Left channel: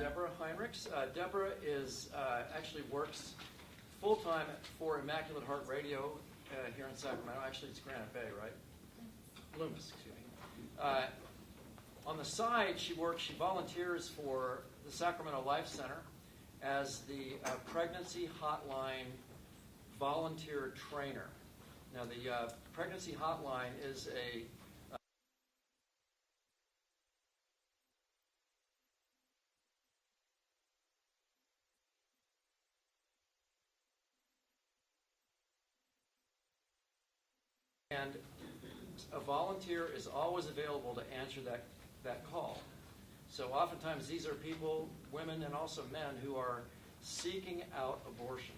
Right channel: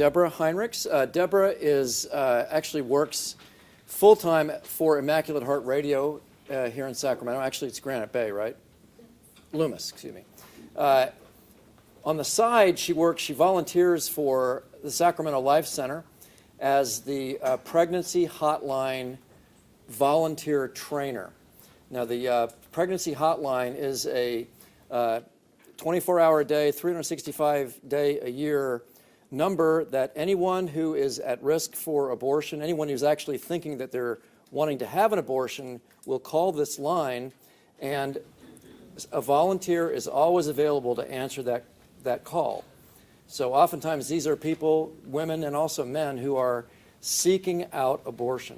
Debora Heinrichs. Debora actually works full-time for Immaculate Heart Radio here in Sacramento. Actually, it's Granite Bay, right? Loomis, excuse me. On the side, she volunteers for the Sacramento Life Center as the Pregnancy Hotline volunteer trainer. Now, the Pregnancy Hotline is a 24-hour a day, 365-day-a-year number that anyone who is at risk for abortion, anyone who's actually thinking that they're wanting to have an abortion, will call this line, and a volunteer is always available to answer that call. So oftentimes these are people, women and also men, who are seeking out abortion.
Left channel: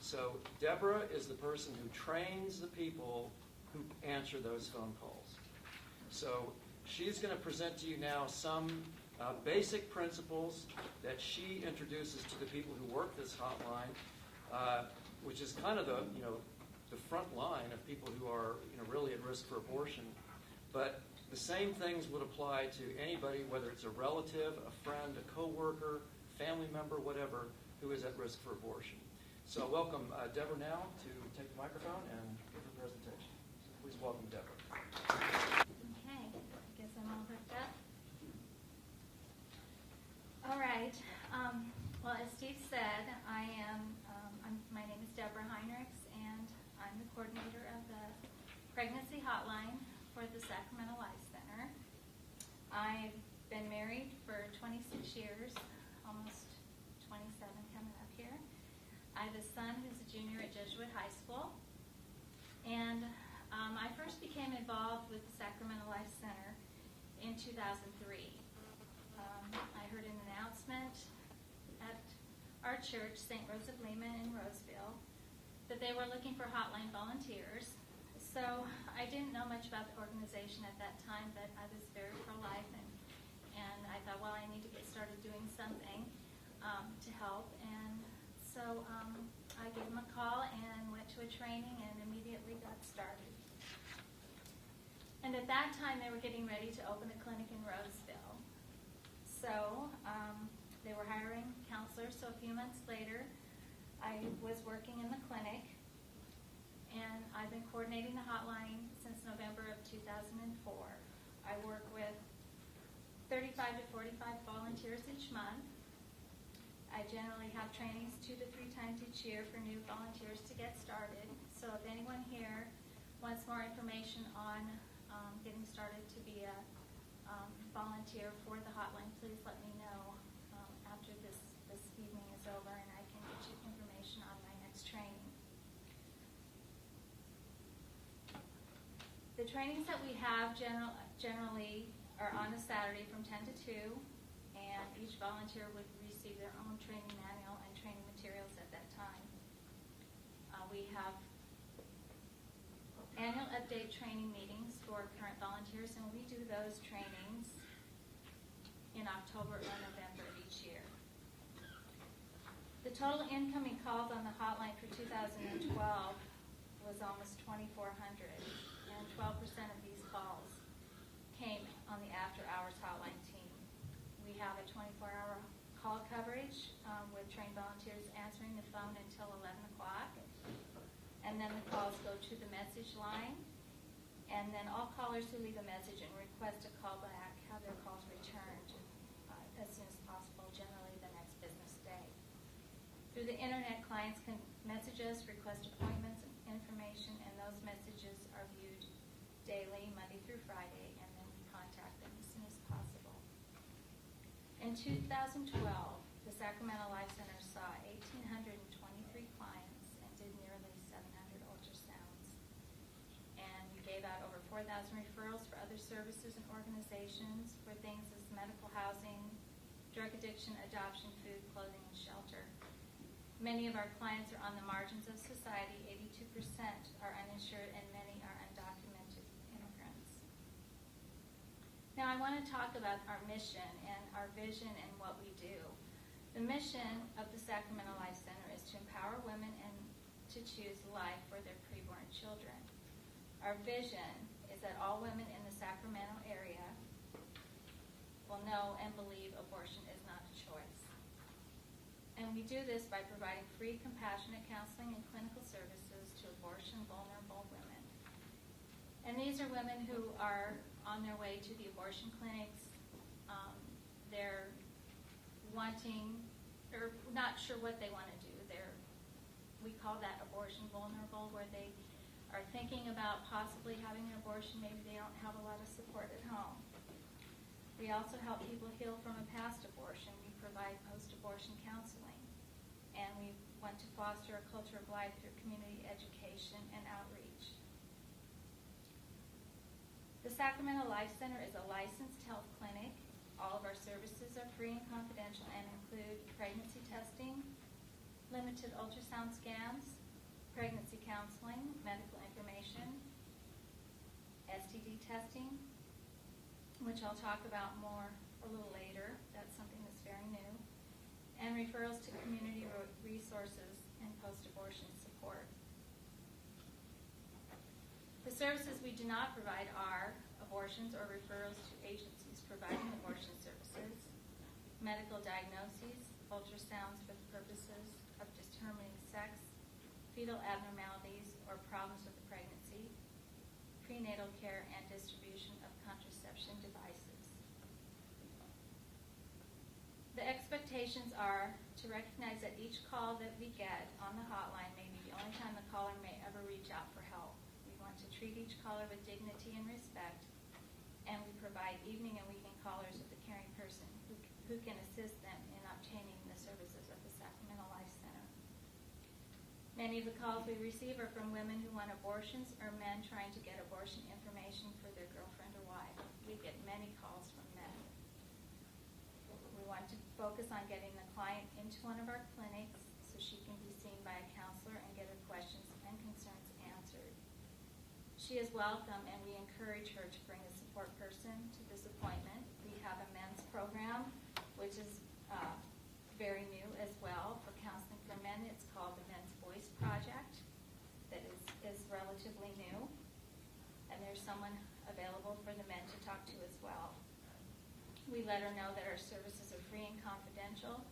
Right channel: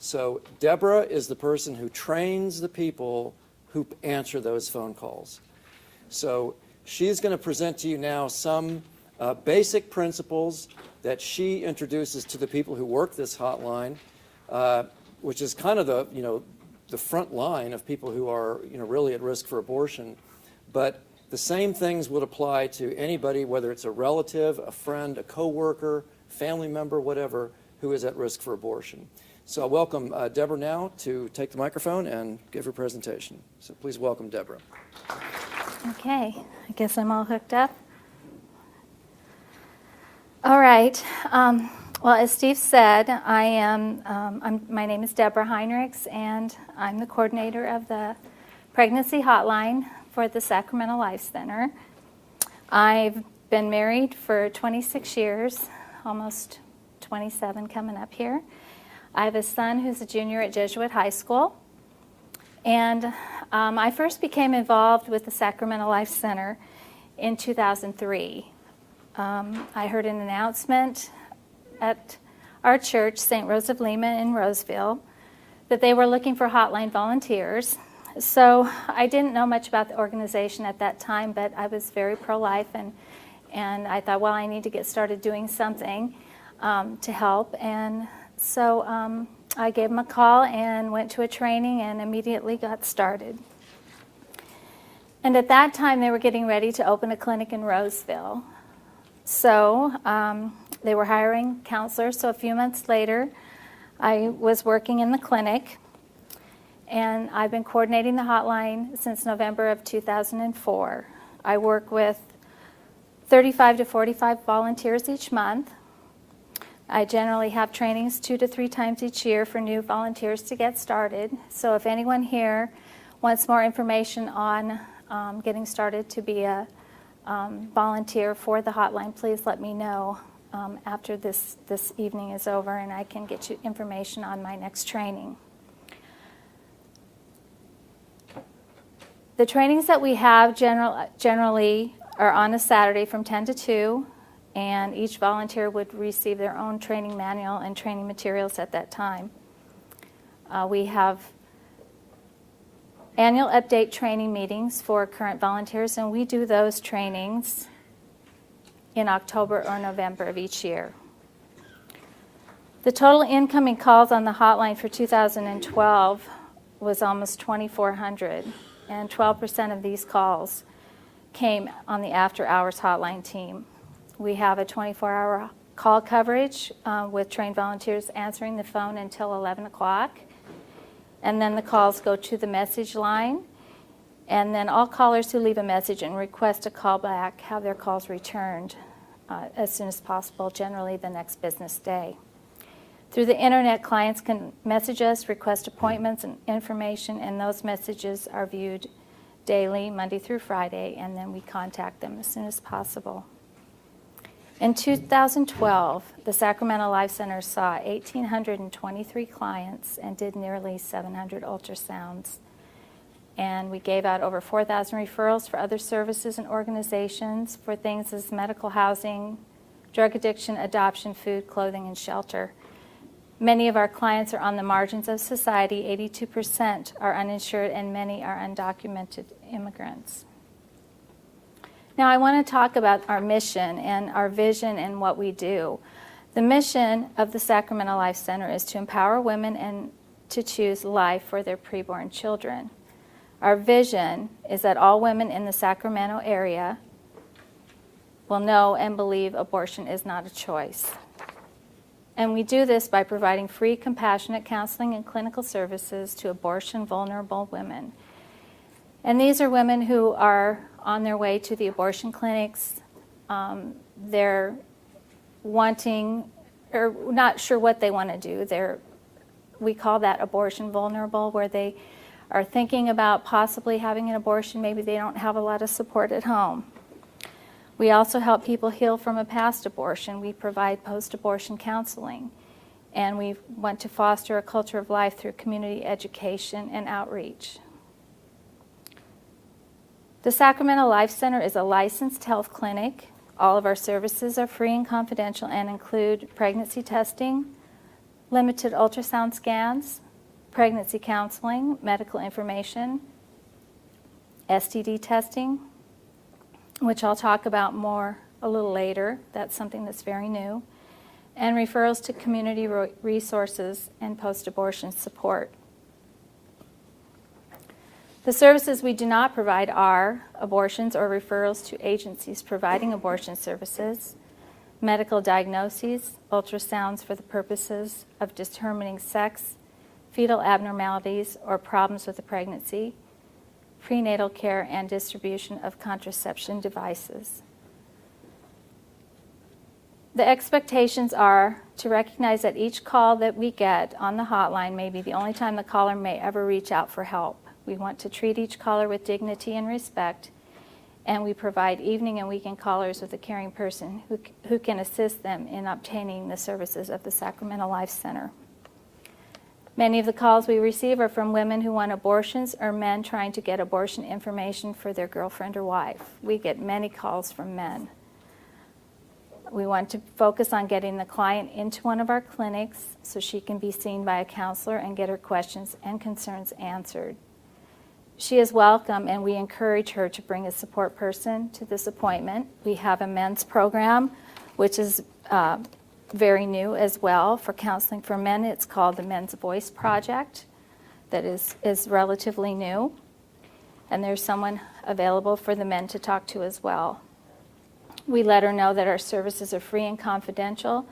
So Debora is the person who trains the people who answer those phone calls. So she's going to present to you now some basic principles that she introduces to the people who work this hotline, which is kind of the front line of people who are really at risk for abortion. But the same things would apply to anybody, whether it's a relative, a friend, a coworker, family member, whatever, who is at risk for abortion. So I welcome Debora now to take the microphone and give her presentation. So please welcome Debora. Okay, I guess I'm all hooked up. All right. Well, as Steve said, my name is Debora Heinrichs, and I'm the coordinator of the Pregnancy Hotline for the Sacramental Life Center. I've been married for 26 years, almost 27 coming up here. I have a son who's a junior at Jesuit High School, and I first became involved with the Sacramental Life Center in 2003. I heard an announcement at our church, St. Rose of Lima in Roseville, that they were looking for hotline volunteers. So I didn't know much about the organization at that time, but I was very pro-life, and I thought, well, I need to get started doing something to help. And so I gave them a call and went to a training and immediately got started. And at that time, they were getting ready to open a clinic in Roseville. So they were hiring counselors. So a few months later, I was working in the clinic, and I've been coordinating the hotline since November of 2004. I work with 35 to 45 volunteers each month. I generally have trainings 2 to 3 times each year for new volunteers to get started. So if anyone here wants more information on getting started to be a volunteer for the hotline, please let me know after this evening is over, and I can get you information on my next training. The trainings that we have generally are on a Saturday from 10 to 2, and each volunteer would receive their own training manual and training materials at that time. We have annual update training meetings for current volunteers, and we do those trainings in October or November of each year. The total incoming calls on the hotline for 2012 was almost 2,400, and 12% of these calls came on the after-hours hotline team. We have a 24-hour call coverage with trained volunteers answering the phone until 11 o'clock. And then the calls go to the message line. And then all callers who leave a message and request a call back have their calls returned as soon as possible, generally the next business day. Through the internet, clients can message us, request appointments and information, and those messages are viewed daily, Monday through Friday, and then we contact them as soon as possible. In 2012, the Sacramento Life Center saw 1,823 clients and did nearly 700 ultrasounds. And we gave out over 4,000 referrals for other services and organizations for things as medical housing, drug addiction, adoption, food, clothing, and shelter. Many of our clients are on the margins of society. 82% are uninsured, and many are undocumented immigrants. Now I want to talk about our mission and our vision and what we do. The mission of the Sacramento Life Center is to empower women and to choose life for their preborn children. Our vision is that all women in the Sacramento area will know and believe abortion is not a choice. And we do this by providing free, compassionate counseling and clinical services to abortion-vulnerable women. And these are women who are on their way to the abortion clinics. They're wanting, or not sure what they want to do. We call that abortion vulnerable, where they are thinking about possibly having an abortion. Maybe they don't have a lot of support at home. We also help people heal from a past abortion. We provide post-abortion counseling, and we want to foster a culture of life through community education and outreach. The Sacramental Life Center is a licensed health clinic. All of our services are free and confidential and include pregnancy testing, limited ultrasound scans, pregnancy counseling, medical information, STD testing, which I'll talk about more a little later. That's something that's very new, and referrals to community resources and post-abortion support. The services we do not provide are abortions or referrals to agencies providing abortion services, medical diagnoses, ultrasounds for the purposes of determining sex, fetal abnormalities or problems with the pregnancy, prenatal care, and distribution of contraception devices. The expectations are to recognize that each call that we get on the hotline may be the only time the caller may ever reach out for help. We want to treat each caller with dignity and respect, and we provide evening and weekend callers with a caring person who can assist them in obtaining the services of the Sacramental Life Center. Many of the calls we receive are from women who want abortions or men trying to get abortion information for their girlfriend or wife. We get many calls from men. We want to focus on getting the client into one of our clinics so she can be seen by a counselor and get her questions and concerns answered. She is welcome, and we encourage her to bring a support person to this appointment. We have a men's program, which is very new as well for counseling for men. It's called the Men's Voice Project. That is relatively new, and there's someone available for the men to talk to as well. We let her know that our services are free and confidential,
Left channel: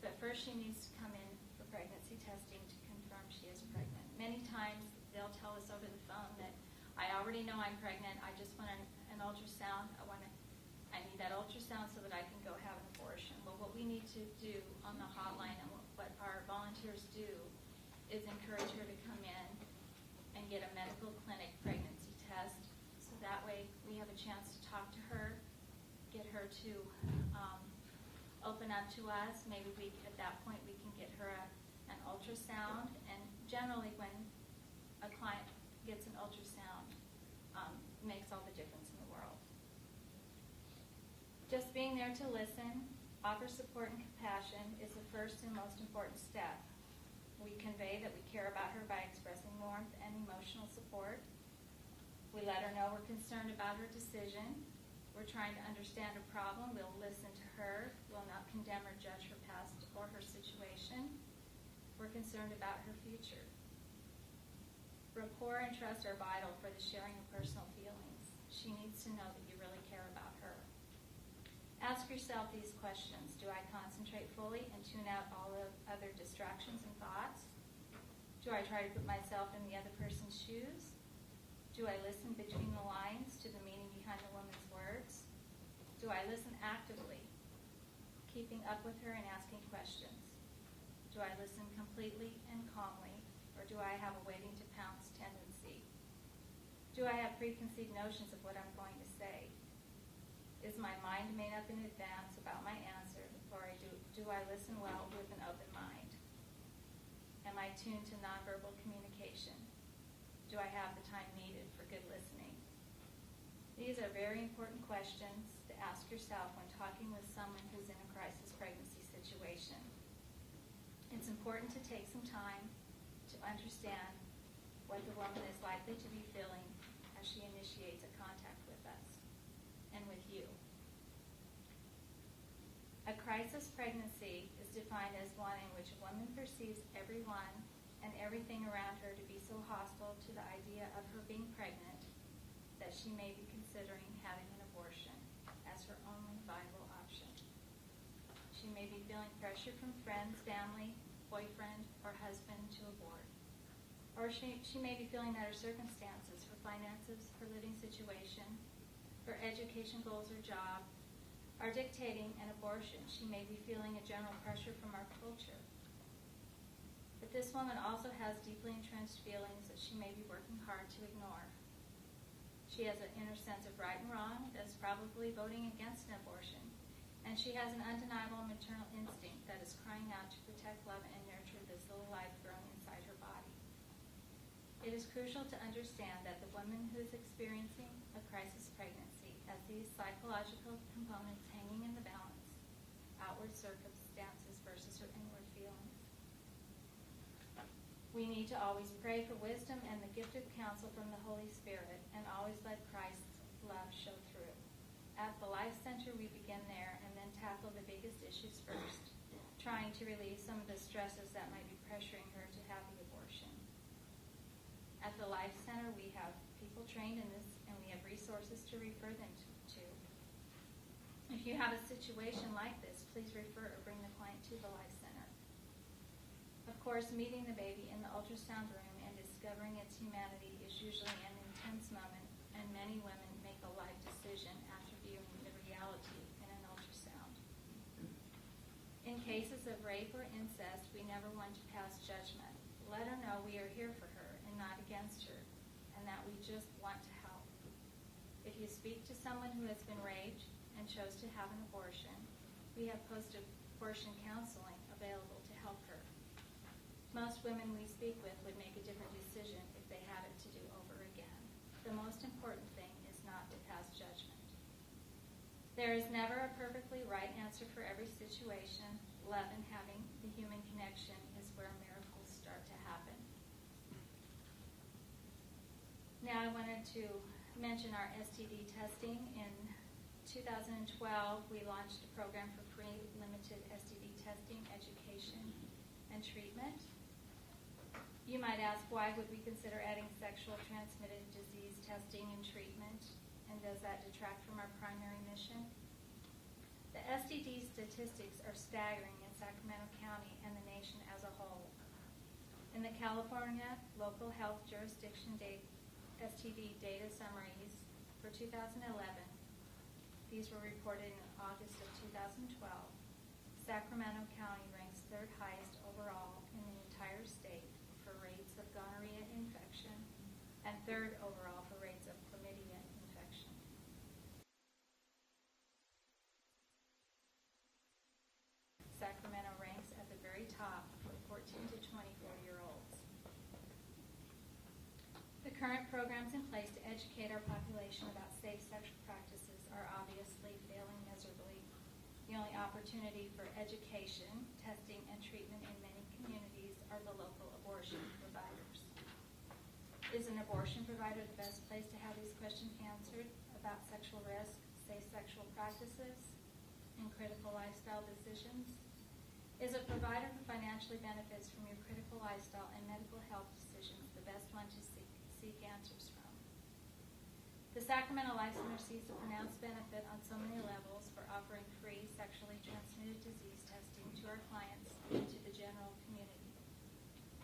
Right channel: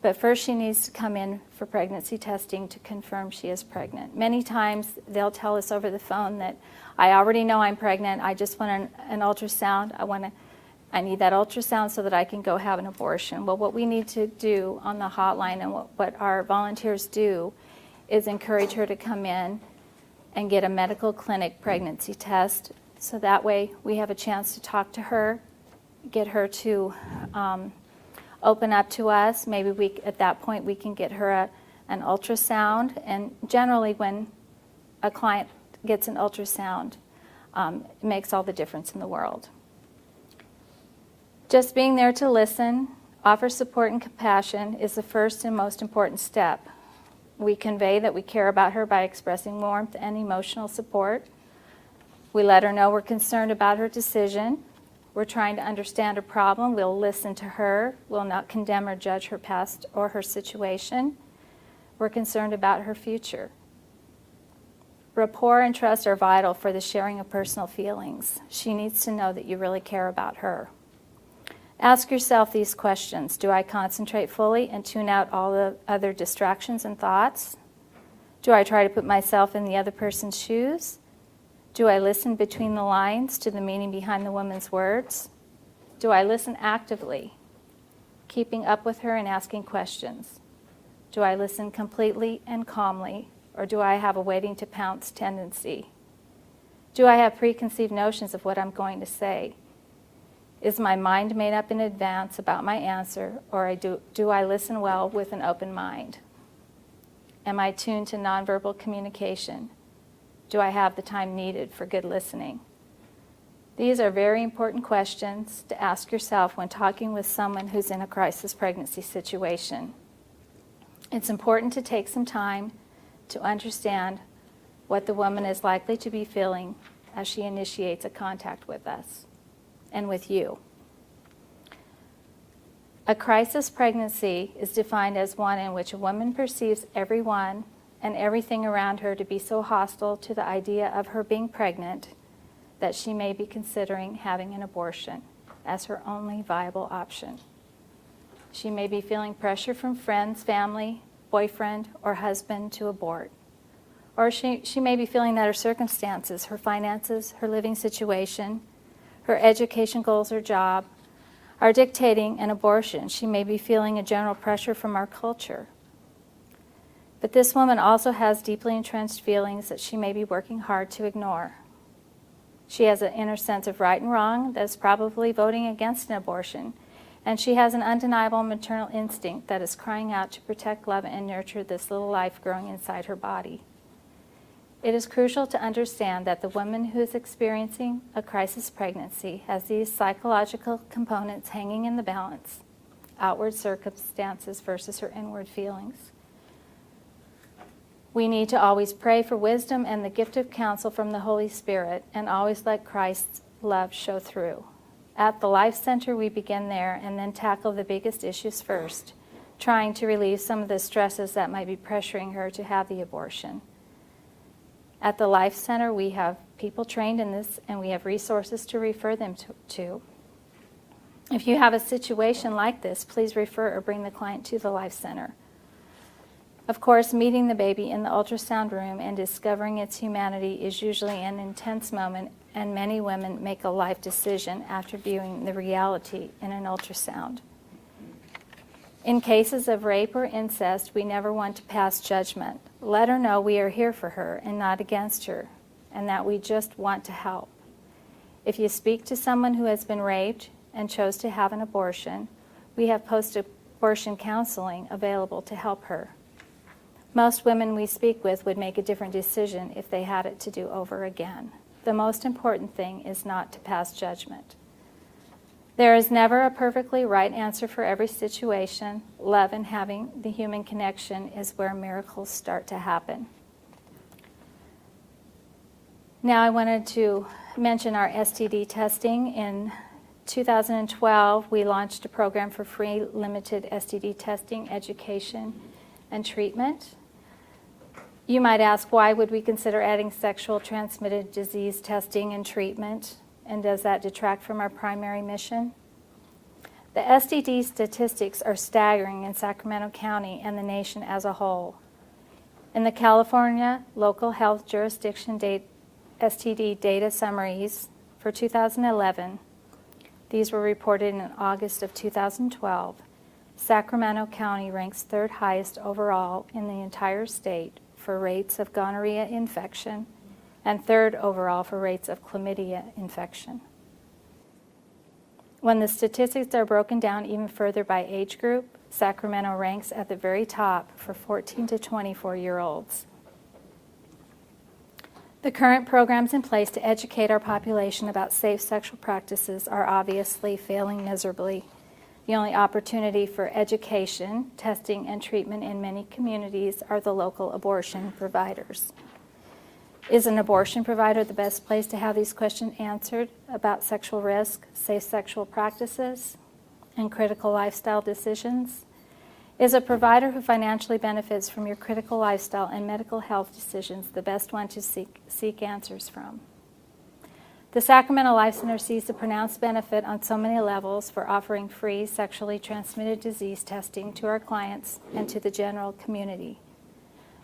but first she needs to come in for pregnancy testing to confirm she is pregnant. Many times they'll tell us over the phone that I already know I'm pregnant, I just want an ultrasound, I need that ultrasound so that I can go have an abortion. Well, what we need to do on the hotline and what our volunteers do is encourage her to come in and get a medical clinic pregnancy test, so that way we have a chance to talk to her, get her to open up to us. Maybe at that point we can get her an ultrasound, and generally when a client gets an ultrasound, it makes all the difference in the world. Just being there to listen, offer support and compassion is the first and most important step. We convey that we care about her by expressing warmth and emotional support. We let her know we're concerned about her decision. We're trying to understand her problem. We'll listen to her. We'll not condemn or judge her past or her situation. We're concerned about her future. Rapport and trust are vital for the sharing of personal feelings. She needs to know that you really care about her. Ask yourself these questions. Do I concentrate fully and tune out all the other distractions and thoughts? Do I try to put myself in the other person's shoes? Do I listen between the lines to the meaning behind the woman's words? Do I listen actively, keeping up with her and asking questions? Do I listen completely and calmly, or do I have a waiting to pounce tendency? Do I have preconceived notions of what I'm going to say? Is my mind made up in advance about my answer, or do I listen well with an open mind? Am I tuned to nonverbal communication? Do I have the time needed for good listening? These are very important questions to ask yourself when talking with someone who's in a crisis pregnancy situation. It's important to take some time to understand what the woman is likely to be feeling as she initiates a contact with us and with you. A crisis pregnancy is defined as one in which a woman perceives everyone and everything around her to be so hostile to the idea of her being pregnant that she may be considering having an abortion as her only viable option. She may be feeling pressure from friends, family, boyfriend, or husband to abort. Or she may be feeling that her circumstances, her finances, her living situation, her education goals or job are dictating an abortion. She may be feeling a general pressure from our culture. But this woman also has deeply entrenched feelings that she may be working hard to ignore. She has an inner sense of right and wrong that is probably voting against an abortion, and she has an undeniable maternal instinct that is crying out to protect, love, and nurture this little life growing inside her body. It is crucial to understand that the woman who is experiencing a crisis pregnancy has these psychological components hanging in the balance: outward circumstances versus her inward feelings. We need to always pray for wisdom and the gift of counsel from the Holy Spirit, and always let Christ's love show through. At the Life Center, we begin there and then tackle the biggest issues first, trying to relieve some of the stresses that might be pressuring her to have the abortion. At the Life Center, we have people trained in this, and we have resources to refer them to. If you have a situation like this, please refer or bring the client to the Life Center. Of course, meeting the baby in the ultrasound room and discovering its humanity is usually an intense moment, and many women make a life decision after viewing the reality in an ultrasound. In cases of rape or incest, we never want to pass judgment. Let her know we are here for her and not against her, and that we just want to help. If you speak to someone who has been raped and chose to have an abortion, we have post-abortion counseling available to help her. Most women we speak with would make a different decision if they had it to do over again. The most important thing is not to pass judgment. There is never a perfectly right answer for every situation. Love and having the human connection is where miracles start to happen. Now I wanted to mention our STD testing. In 2012, we launched a program for free limited STD testing, education, and treatment. You might ask, why would we consider adding sexual transmitted disease testing and treatment? And does that detract from our primary mission? The STD statistics are staggering in Sacramento County and the nation as a whole. In the California Local Health Jurisdiction STD data summaries for 2011, these were reported in August of 2012, Sacramento County ranks third highest overall in the entire state for rates of gonorrhea infection, and third overall for rates of chlamydia infection. When the statistics are broken down even further by age group, Sacramento ranks at the very top for 14 to 24-year-olds. The current programs in place to educate our population about safe sexual practices are obviously failing miserably. The only opportunity for education, testing, and treatment in many communities are the local abortion providers. Is an abortion provider the best place to have these questions answered about sexual risk, safe sexual practices, and critical lifestyle decisions? Is a provider who financially benefits from your critical lifestyle and medical health decisions the best one to seek answers from? The Sacramento Life Center sees the pronounced benefit on so many levels for offering free sexually transmitted disease testing to our clients and to the general community.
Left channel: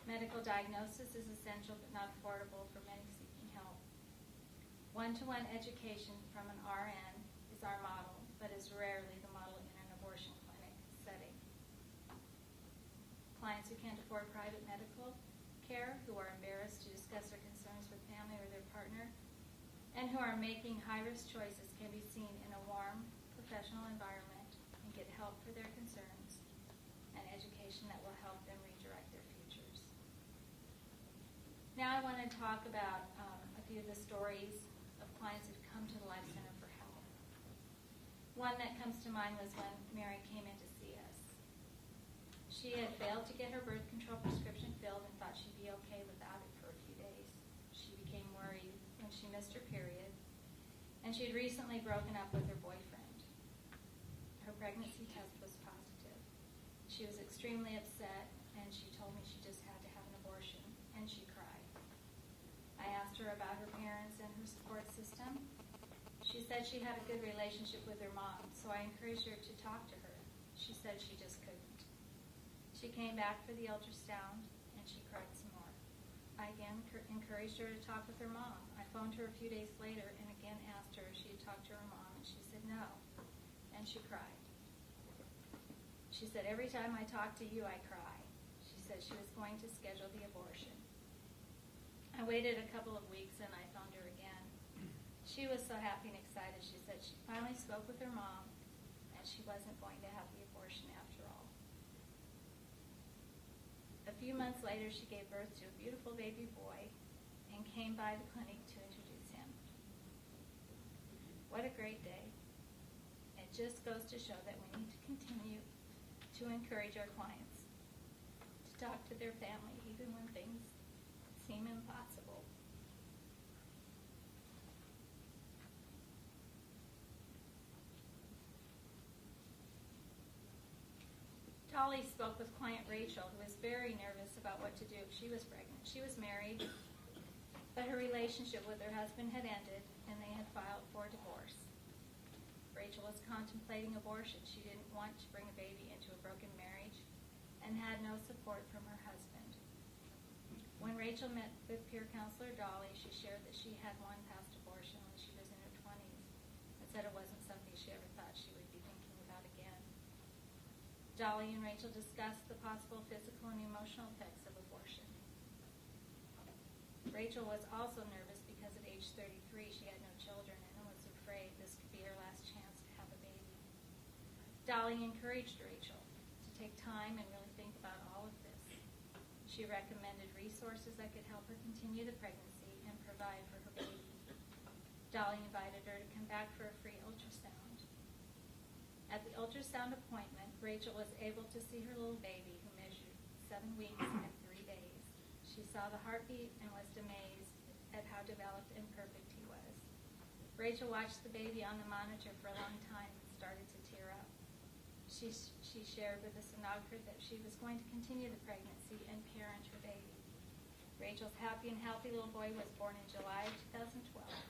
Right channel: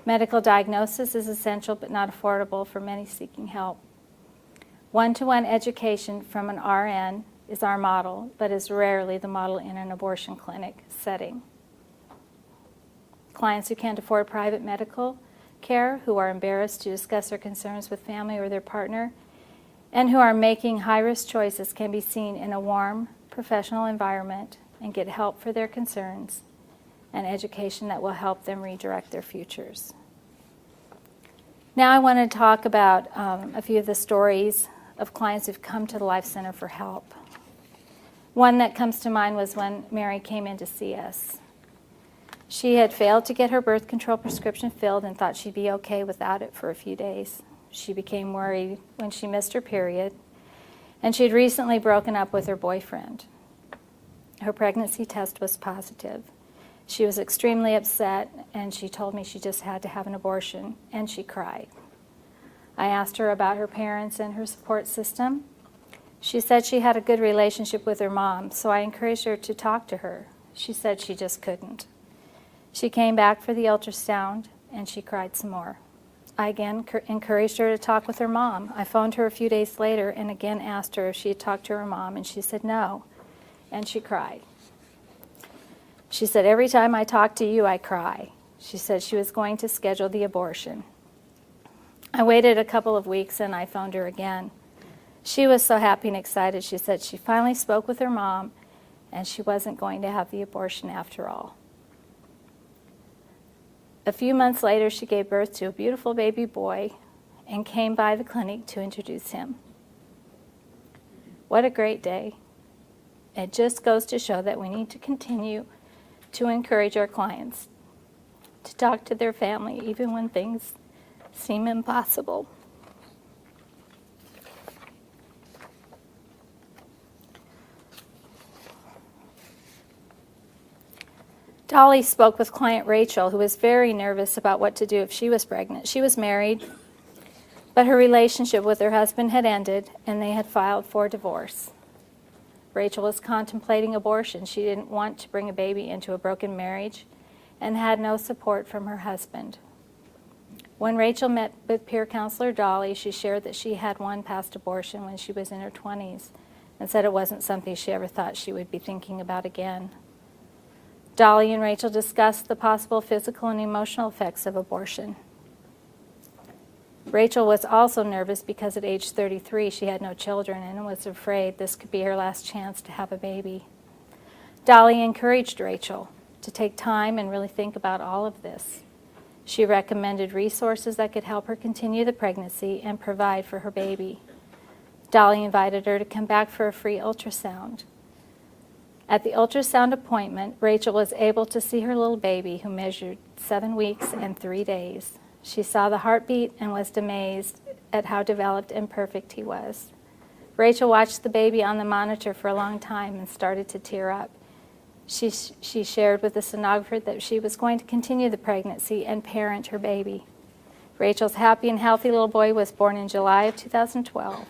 Medical diagnosis is essential but not affordable for many seeking help. One-to-one education from an RN is our model, but is rarely the model in an abortion clinic setting. Clients who can't afford private medical care, who are embarrassed to discuss their concerns with family or their partner, and who are making high-risk choices can be seen in a warm, professional environment and get help for their concerns and education that will help them redirect their futures. Now I want to talk about a few of the stories of clients who've come to the Life Center for help. One that comes to mind was when Mary came in to see us. She had failed to get her birth control prescription filled and thought she'd be okay without it for a few days. She became worried when she missed her period, and she'd recently broken up with her boyfriend. Her pregnancy test was positive. She was extremely upset, and she told me she just had to have an abortion, and she cried. I asked her about her parents and her support system. She said she had a good relationship with her mom, so I encouraged her to talk to her. She said she just couldn't. She came back for the ultrasound, and she cried some more. I again encouraged her to talk with her mom. I phoned her a few days later and again asked her if she had talked to her mom, and she said no, and she cried. She said, every time I talk to you, I cry. She said she was going to schedule the abortion. I waited a couple of weeks, and I phoned her again. She was so happy and excited. She said she finally spoke with her mom, and she wasn't going to have the abortion after all. A few months later, she gave birth to a beautiful baby boy and came by the clinic to introduce him. What a great day. It just goes to show that we need to continue to encourage our clients to talk to their family even when things seem impossible. Dolly spoke with client Rachel, who was very nervous about what to do if she was pregnant. She was married, but her relationship with her husband had ended, and they had filed for divorce. Rachel was contemplating abortion. She didn't want to bring a baby into a broken marriage and had no support from her husband. When Rachel met with peer counselor Dolly, she shared that she had one past abortion when she was in her 20s and said it wasn't something she ever thought she would be thinking about again. Dolly and Rachel discussed the possible physical and emotional effects of abortion. Rachel was also nervous because at age 33 she had no children and was afraid this could be her last chance to have a baby. Dolly encouraged Rachel to take time and really think about all of this. She recommended resources that could help her continue the pregnancy and provide for her baby. Dolly invited her to come back for a free ultrasound. At the ultrasound appointment, Rachel was able to see her little baby, who measured 7 weeks and 3 days. She saw the heartbeat and was amazed at how developed and perfect he was. Rachel watched the baby on the monitor for a long time and started to tear up. She shared with the sonographer that she was going to continue the pregnancy and parent her baby. Rachel's happy and healthy little boy was born in July of 2012.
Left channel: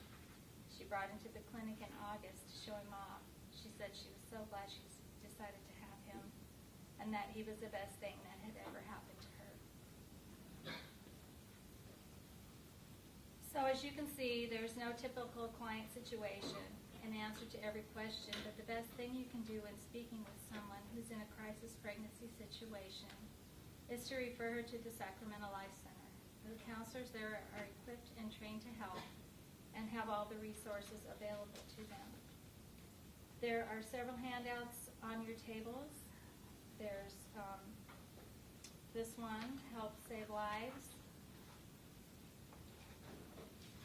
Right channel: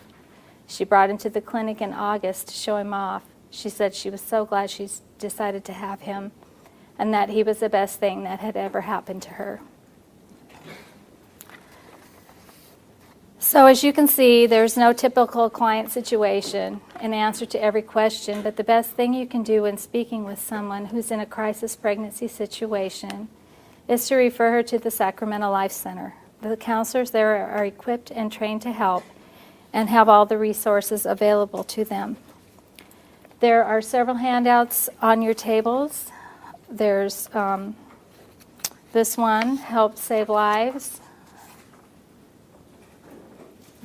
She brought him to the clinic in August to show him off. She said she was so glad she decided to have him and that he was the best thing that had ever happened to her. So as you can see, there's no typical client situation, an answer to every question, but the best thing you can do when speaking with someone who's in a crisis pregnancy situation is to refer her to the Sacramental Life Center. The counselors there are equipped and trained to help and have all the resources available to them. There are several handouts on your tables. There's this one, Help Save Lives,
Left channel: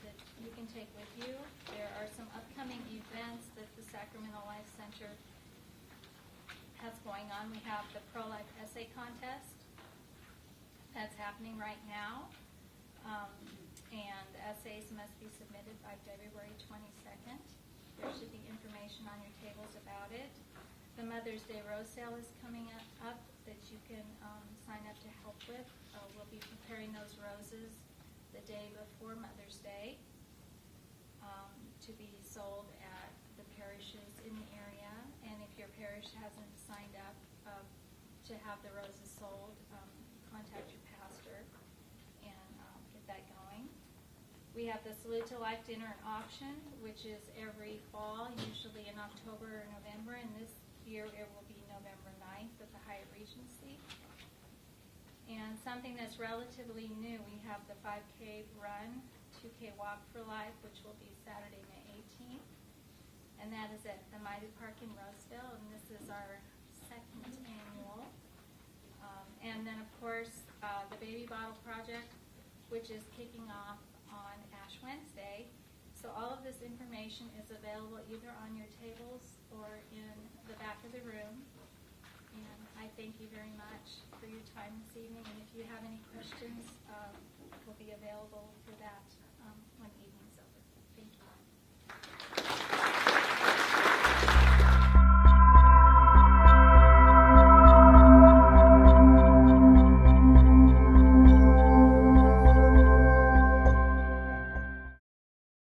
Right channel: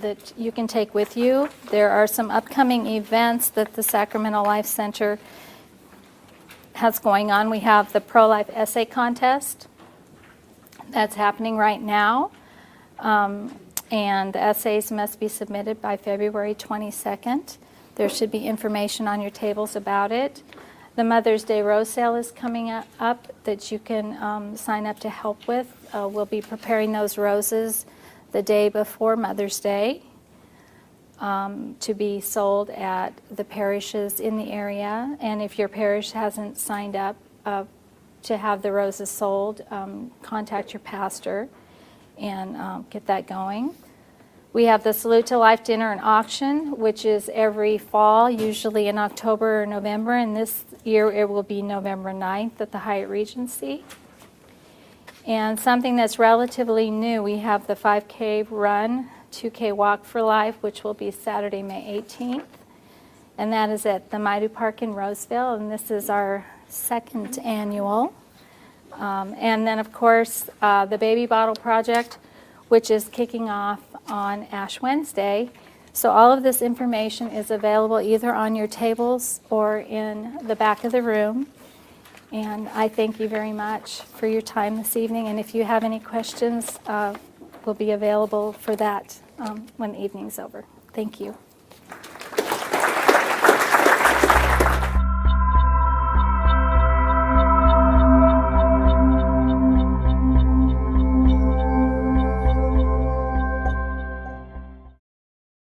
that you can take with you. There are some upcoming events that the Sacramental Life Center has going on. We have the Pro-Life Essay Contest that's happening right now, and the essays must be submitted by February 22nd. There should be information on your tables about it. The Mother's Day Rose Sale is coming up that you can sign up to help with. We'll be preparing those roses the day before Mother's Day to be sold at the parishes in the area. And if your parish hasn't signed up to have the roses sold, contact your pastor and get that going. We have the Salute to Life Dinner and Auction, which is every fall, usually in October or November, and this year it will be November 9th at the Hyatt Regency. And something that's relatively new, we have the 5K Run, 2K Walk for Life, which will be Saturday, May 18th. And that is at the Maidu Park in Roseville, and this is our second annual. And then, of course, the Baby Bottle Project, which is kicking off on Ash Wednesday. So all of this information is available either on your tables or in the back of the room. And I thank you very much for your time this evening. And if you have any questions, we'll be available for that when the evening's over. Thank you.